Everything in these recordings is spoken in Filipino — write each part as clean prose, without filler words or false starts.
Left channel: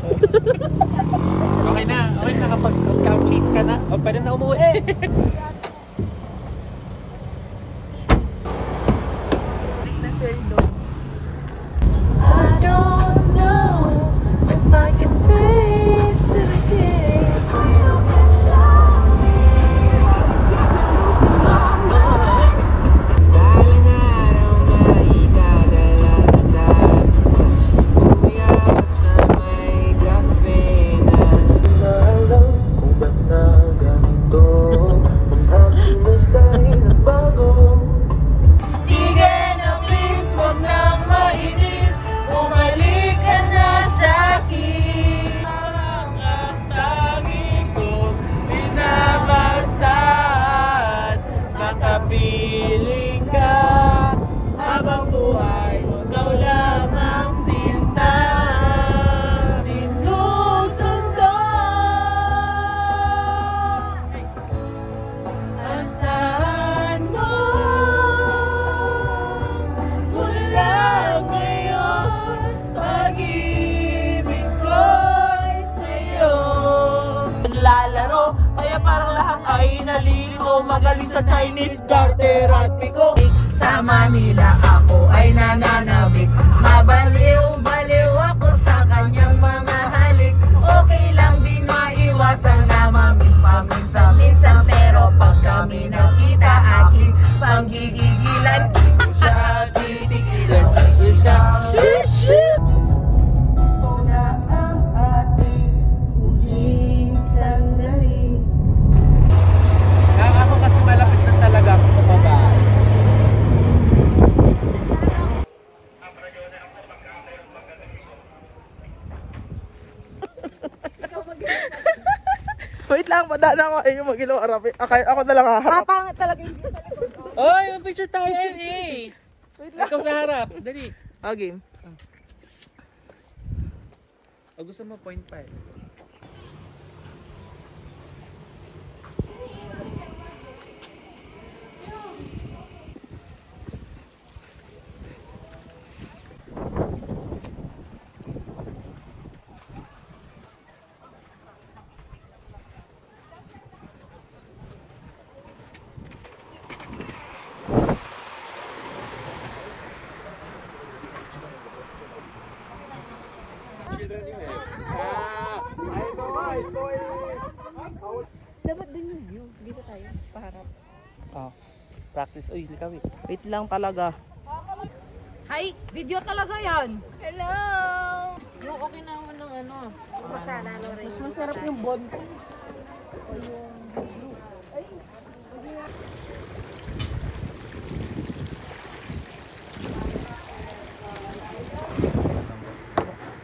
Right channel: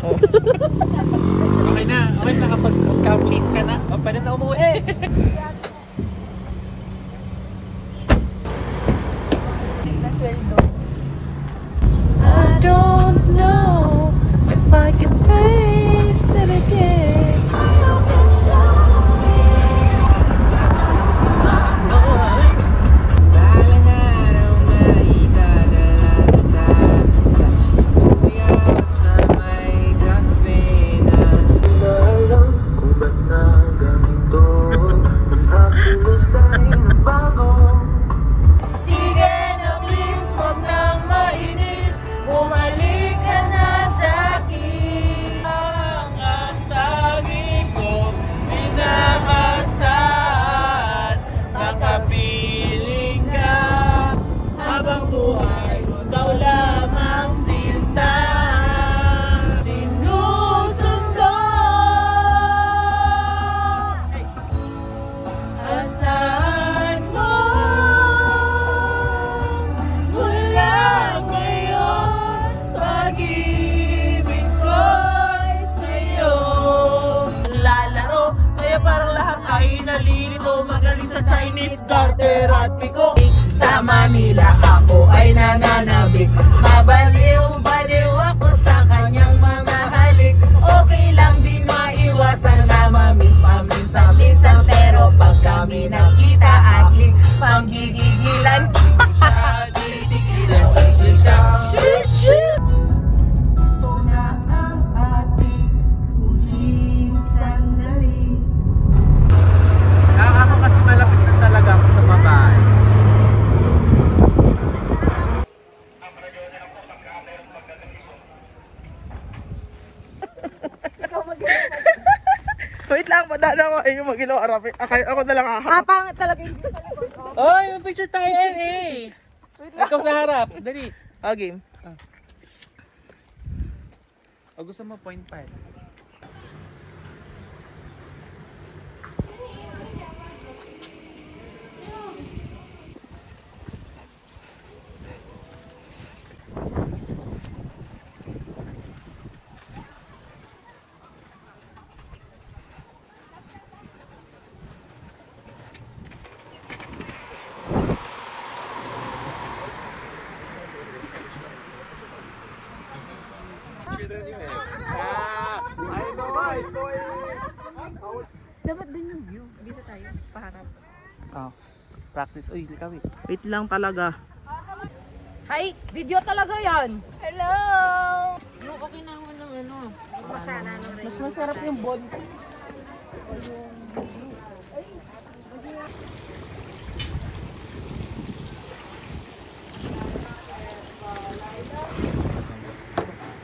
Oh. Okay na kapag couch ka na. O, pwede na umuwi eh. I don't know if I could face it again. Kaya parang lahat ay nalilito. Magaling sa Chinese garter at piko. Sa Manila ako ay nananabik. Mabaliw-baliw ako sa kanyang mga halik. Okay lang din maiwasan na mamiss paminsan-minsan. Pero pag kami nakita atling panggigigilan. Sa titigilan kasi siya. Shit! Wait lang, madala ko ayun mag-ilaw arapin. Ako na lang haharap. Pangit talaga yung Oy, mag-picture tayo eh. Ikaw sa harap. Dali. Game. O gusto mo point pa eh. dapat din yung view. Dito tayo, paharap. Practice. Uy, likawit. Wait lang talaga. Hi! Video talaga yan! Hello! Yung okay na ako ng ano. Mas masarap yung bond.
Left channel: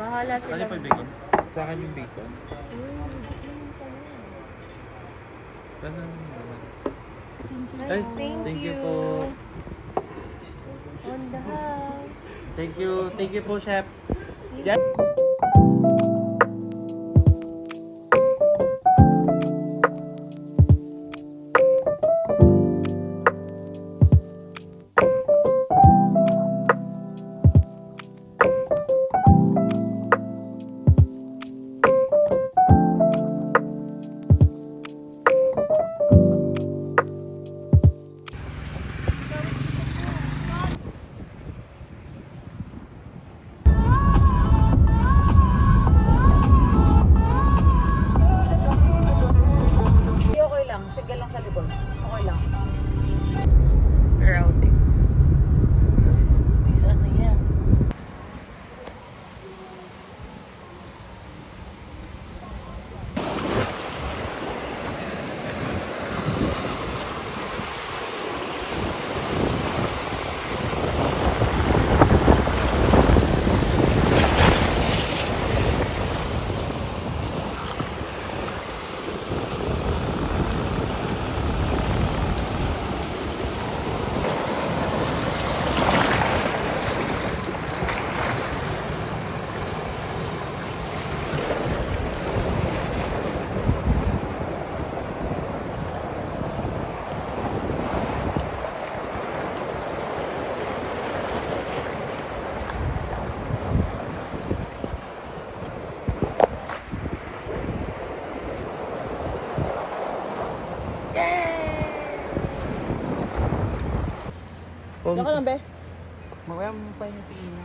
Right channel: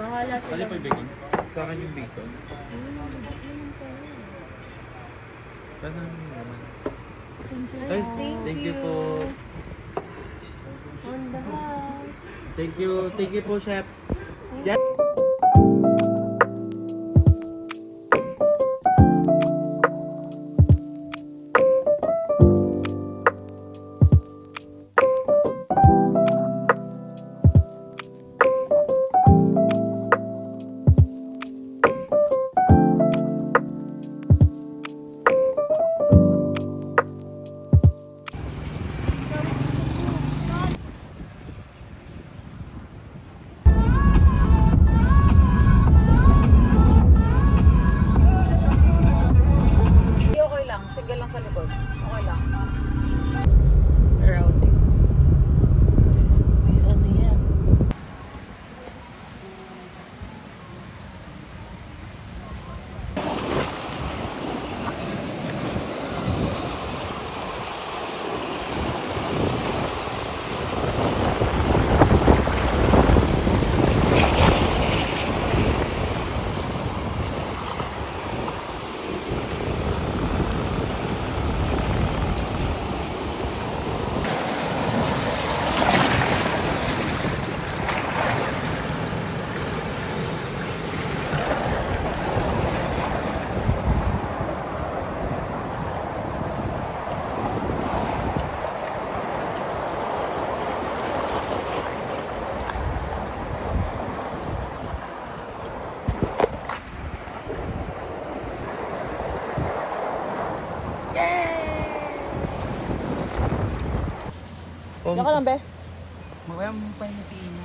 Bahala sila. Ano pa yung bacon? Sa akin yung bacon. Paano naman? Ay, thank you po. On the house. Thank you po, chef. Yan. Yan ka lang, be. Mawala mo pa yung si Ina.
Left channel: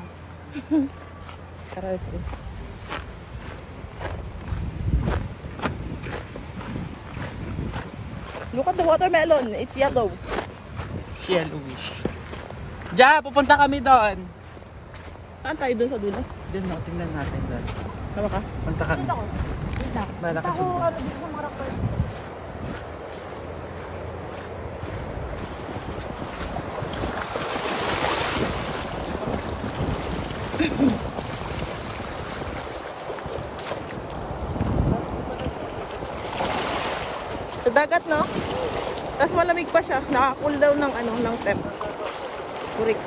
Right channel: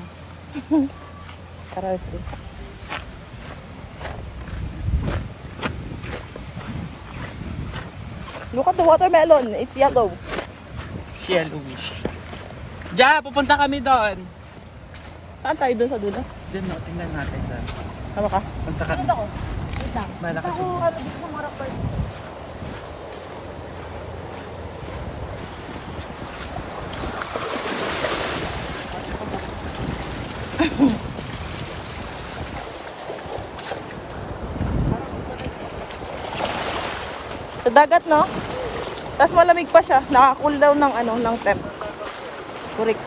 Tara, let's go. Look at the watermelon. It's yellow. Si Yellowish. Ja, pupunta kami doon. Saan tayo doon sa dulo? Doon na, tingnan natin doon. Tama ka? Punta kami. Dito ko. Bala ka sa doon. Sa dagat, no? Tapos malamig pa siya. Naka-cool down ng ano, ng temp. Kurik.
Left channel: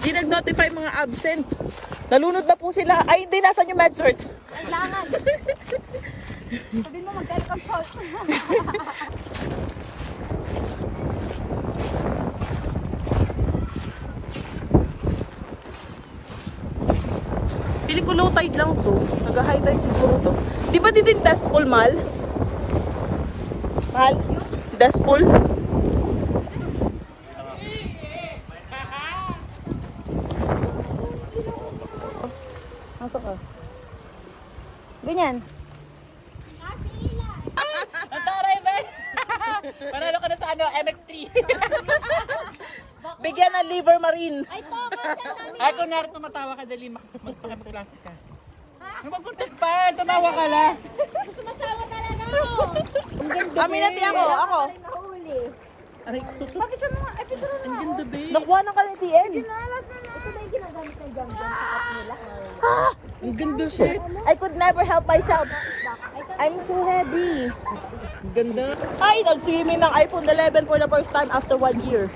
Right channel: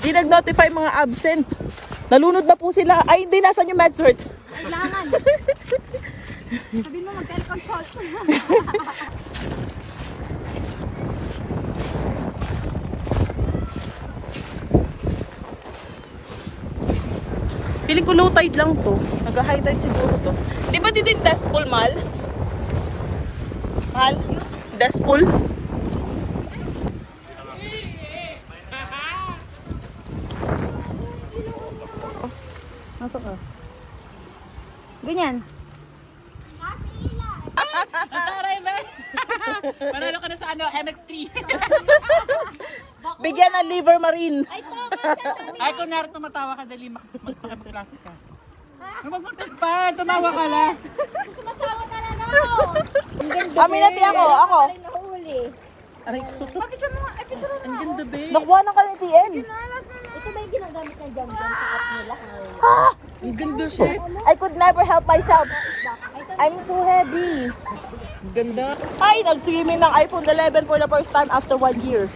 Di nag-notify mga absent. Nalunod na po sila. Ay, hindi. Nasaan yung MedCert? Kailangan. Sabi mo mag-consult. Feeling ko low tide lang to. Nag-high tide siguro to. Di ba dito yung death pool, Mal? Mal? Death pool? Masok ka. Ganyan. Panalo ka na sa ano, MX3. Bigyan ng liver marine. Ay, kung narito tumatawa ka, dali mag-plastic ka. Magpuntak pa, tumawa ka lang. Sumasawa talaga ako. Kami na ako. Ako. Nahuli. Aray ko. Ang ganda, babe. Nakuha ng kalitian. Ito ba yung ginagamit ng jam-jam sa app nila? Ang ganda, shit. I could never help myself. I'm so heavy. Ang ganda. Ay, nag-swimming ng iPhone 11 for the first time after 1 year.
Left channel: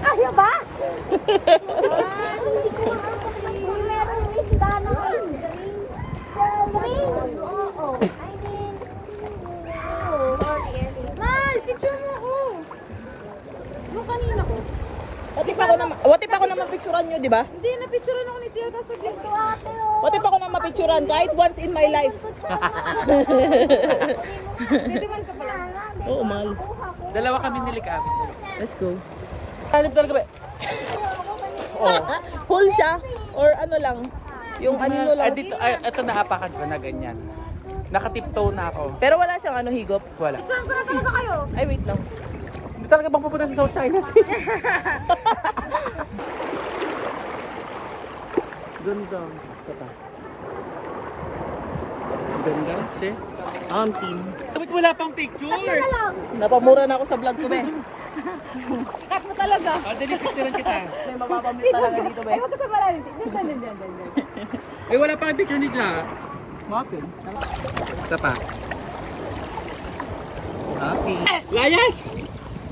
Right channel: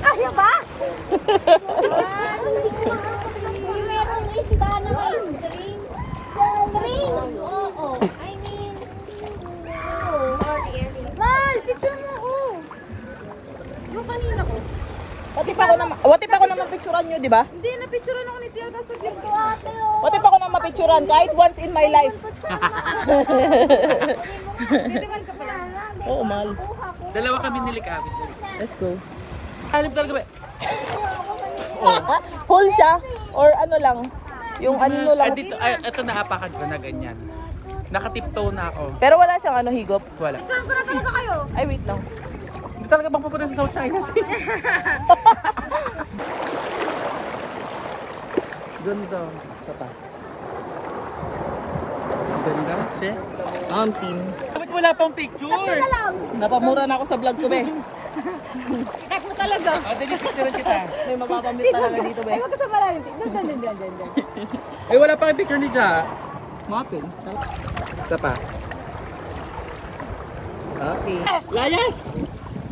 Kaya ba? 1, 2, 3. I mean... Mal, picture mo ako. Yung kanina ko. What if ako na mapicturan nyo, di ba? Hindi, na-picturean ako ni Tia Gasto. What if ako na mapicturan kahit once in my life? Nitiman ka pala. Oo, Mal. Dalawa kami nilikapit. Let's go. Halip talaga ba? Whole siya? Or ano lang? Yung anino lang? Dito, ay, ito naapakan ko na ganyan. Nakatiptoe na ako. Pero wala siyang ano, higop? Wala. Saan ko na talaga kayo? Ay, wait lang. Hindi talaga bang pupunta sa South China Sea? Ganda. Sata. Ganda, siya. Sim. Bakit wala pang picture? Napamura na ako sa vlog ko, be. Cut mo talaga. Dali, picture kita. May mapapamit talaga dito, be. Ay, wag ka sa malalim. Diyan. Ay, wala pang picture ni Ja. Muffin. Isa pa. Okay. Layas!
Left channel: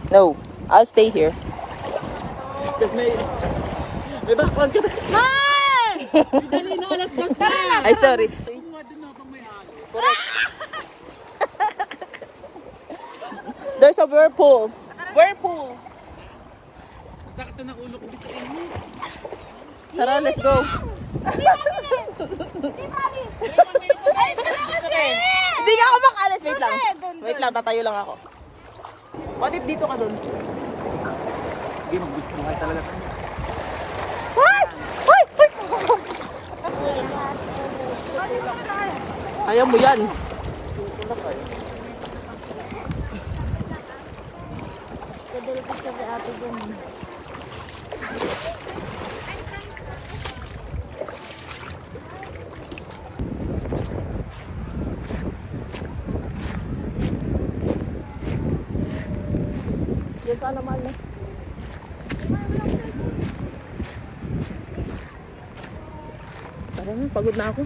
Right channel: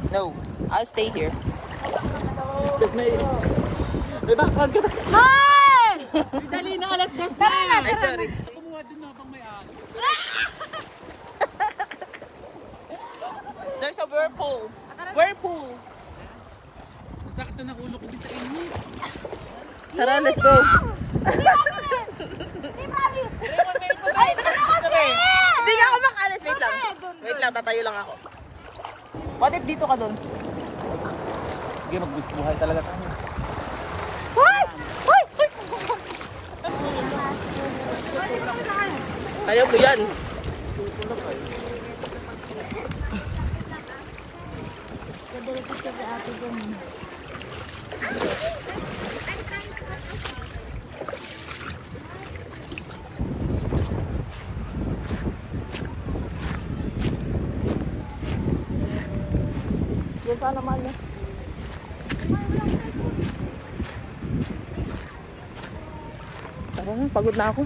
No, I'll stay here. May background ka na. Man! Dali na, alas 2 na. Ay, sorry. Kumuha din ako may There's a whirlpool. Whirlpool. sakit na ng ulo ko sa inyo. Tara, let's go. Hindi nga ako makalas. Wait lang. Wait lang, tatayo lang ako. What if dito ka dun? Sige, magbisbuhan talaga tayo. Uy! Uy! Uy! Ayaw mo yan. Kadalapit sa ate dun. Yan saan naman eh. Tara na, pagod na ako.